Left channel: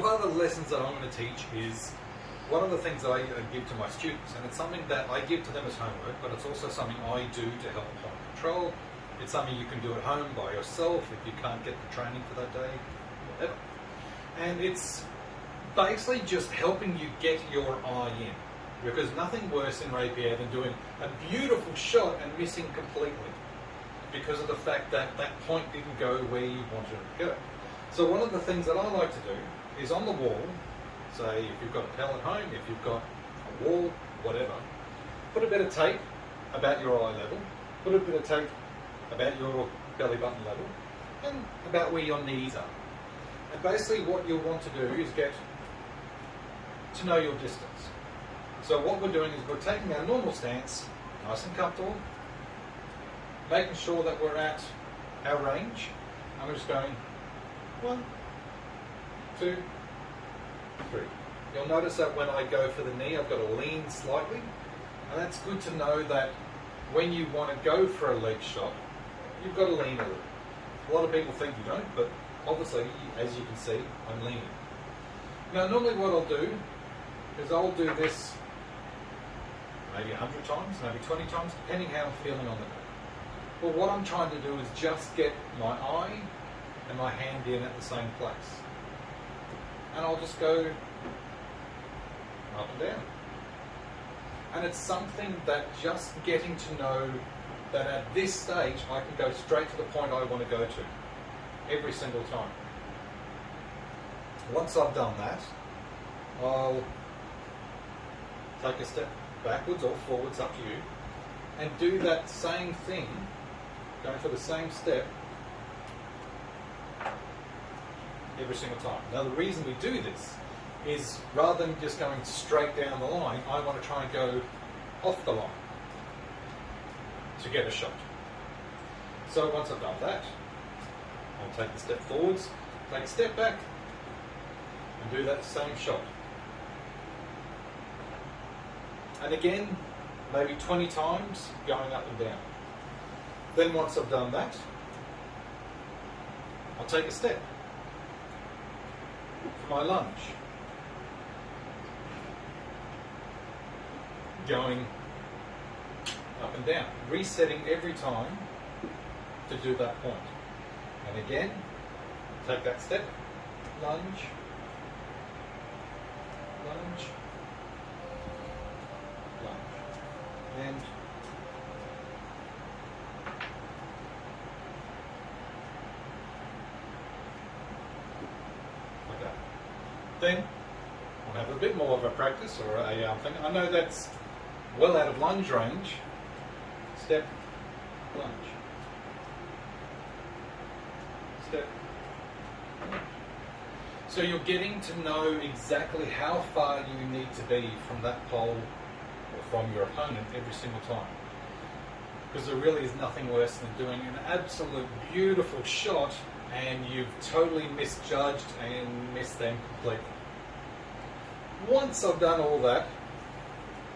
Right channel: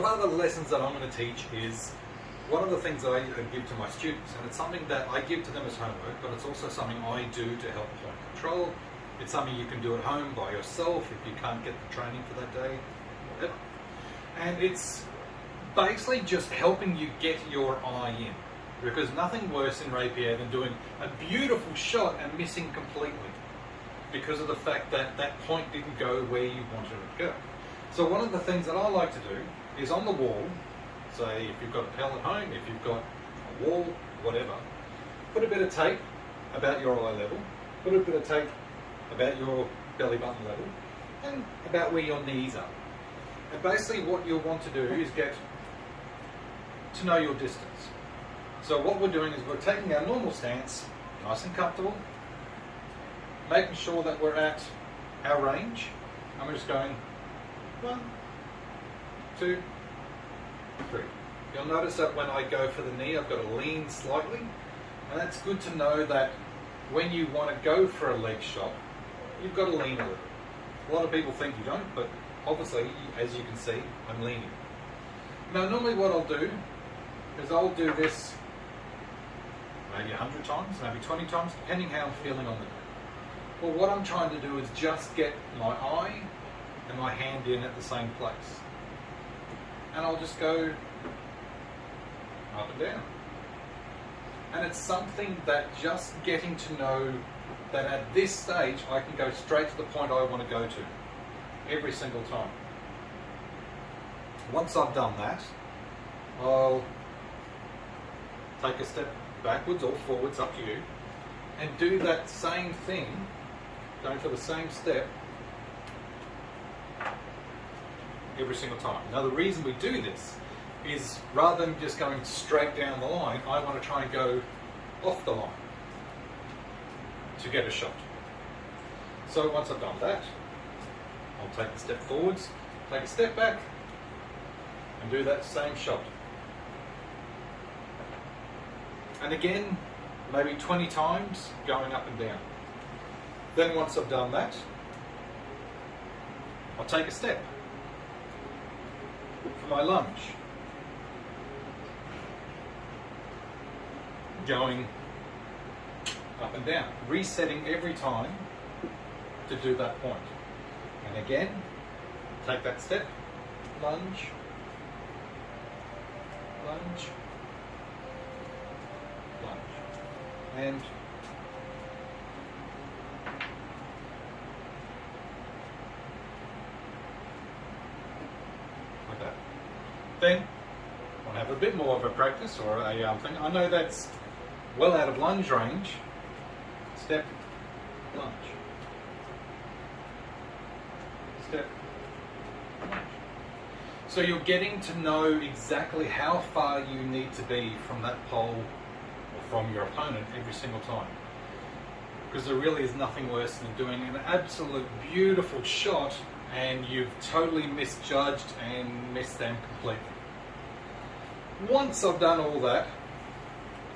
one of the lessons that I'm going to teach is one of the things I give to my students, and it's something that I give to them as homework, but it's also something I do to help point control. It's something you can do at home by yourself if you can't get the training for that day, whatever. And it's basically just helping you get your eye in, because nothing worse in Rapier than doing a beautiful shot and missing completely because of the fact that that point didn't go where you wanted it to go. So one of the things that I like to do is on the wall, say if you've got a pallet home, if you've got a wall, whatever, put a bit of tape about your eye level, put a bit of tape about your belly button level, and about where your knees are. And basically what you'll want to do is get to know your distance. So what we're doing is we're taking our normal stance, nice and comfortable, making sure that we're at our range, and we're just going 1, 2, 3. You'll notice that when I go for the knee, I've got to lean slightly, and that's good to know that when you want to go for a leg shot, you've got to lean a little. A lot of people think you don't, but obviously, as you can see, I'm leaning. Now, normally what I'll do is I'll do this maybe 100 times, maybe 20 times, depending how I'm feeling on the day. Well, what I'm trying to do is just get my eye and my hand in at the same place. And I'll just go up and down. And it's something that just getting to know that at this stage I can go straight to the point I want to go to every single time. Once I've done that, I'll take a step backwards or forwards, up to you, and do that same thing, going for the same step every single time. Now the reason we do this is rather than just going straight down the line, I want to try and go off the line to get a shot. So once I've done that, I'll take the step forwards, take a step back, and do that same shot. And again, maybe 20 times going up and down. Then once I've done that, I'll take a step for my lunge. Going up and down, resetting every time to do that point. And again, take that step, lunge, lunge, lunge, and like that. Then I'll have a bit more of a practice or a thing. I know that's well out of lunge range. Step, lunge. Step, lunge. So you're getting to know exactly how far you need to be from that pole or from your opponent every single time. Because there really is nothing worse than doing an absolute beautiful shot and you've totally misjudged and missed them completely. Once I've done all that,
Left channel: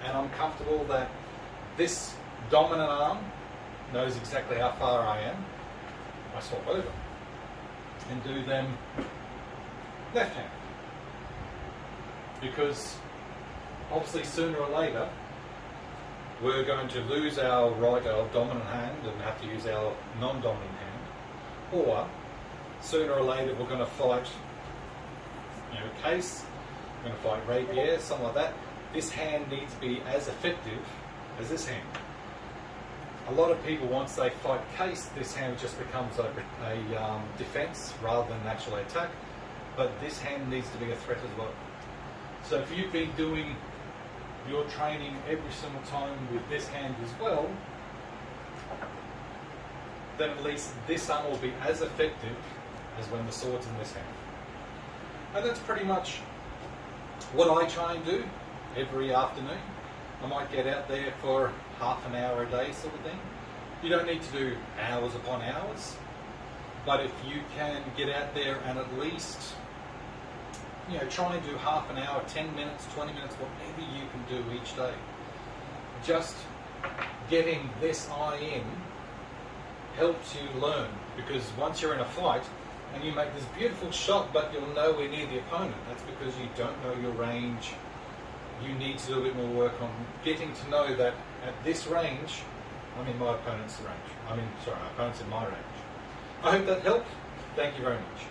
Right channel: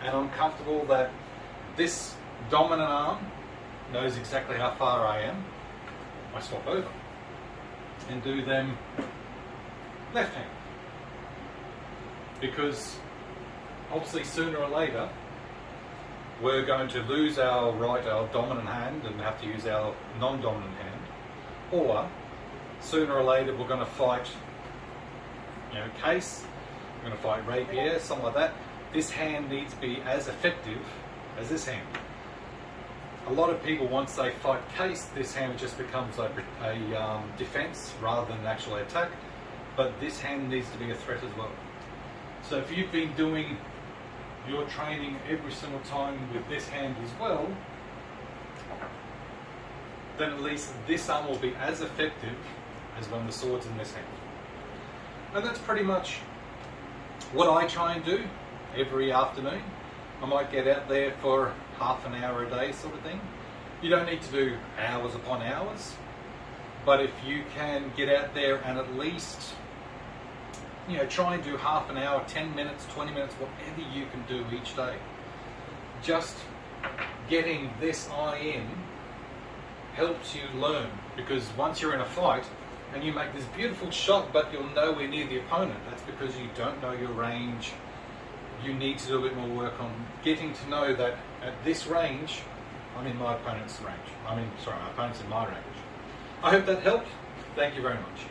and I'm comfortable that this dominant arm knows exactly how far I am, I swap over and do them left hand. Because obviously sooner or later we're going to lose our dominant hand and have to use our non-dominant hand, or sooner or later we're going to fight, case, we're going to fight rapier, something like that. This hand needs to be as effective as this hand. A lot of people, once they fight case, this hand just becomes a defense rather than an actual attack, but this hand needs to be a threat as well. So if you've been doing your training every single time with this hand as well, then at least this arm will be as effective as when the sword's in this hand. And that's pretty much what I try and do every afternoon. I might get out there for half an hour a day sort of thing. You don't need to do hours upon hours, but if you can get out there and at least try and do half an hour, 10 minutes, 20 minutes, whatever you can do each day. Just getting this eye in helps you learn, because once you're in a fight, and you make this beautiful shot, but you're nowhere near the opponent. That's because you don't know your range. You need to do a bit more work on getting to know that at this range, I'm in my opponent's range. My opponent's in my range. I hope that helped. Thank you very much.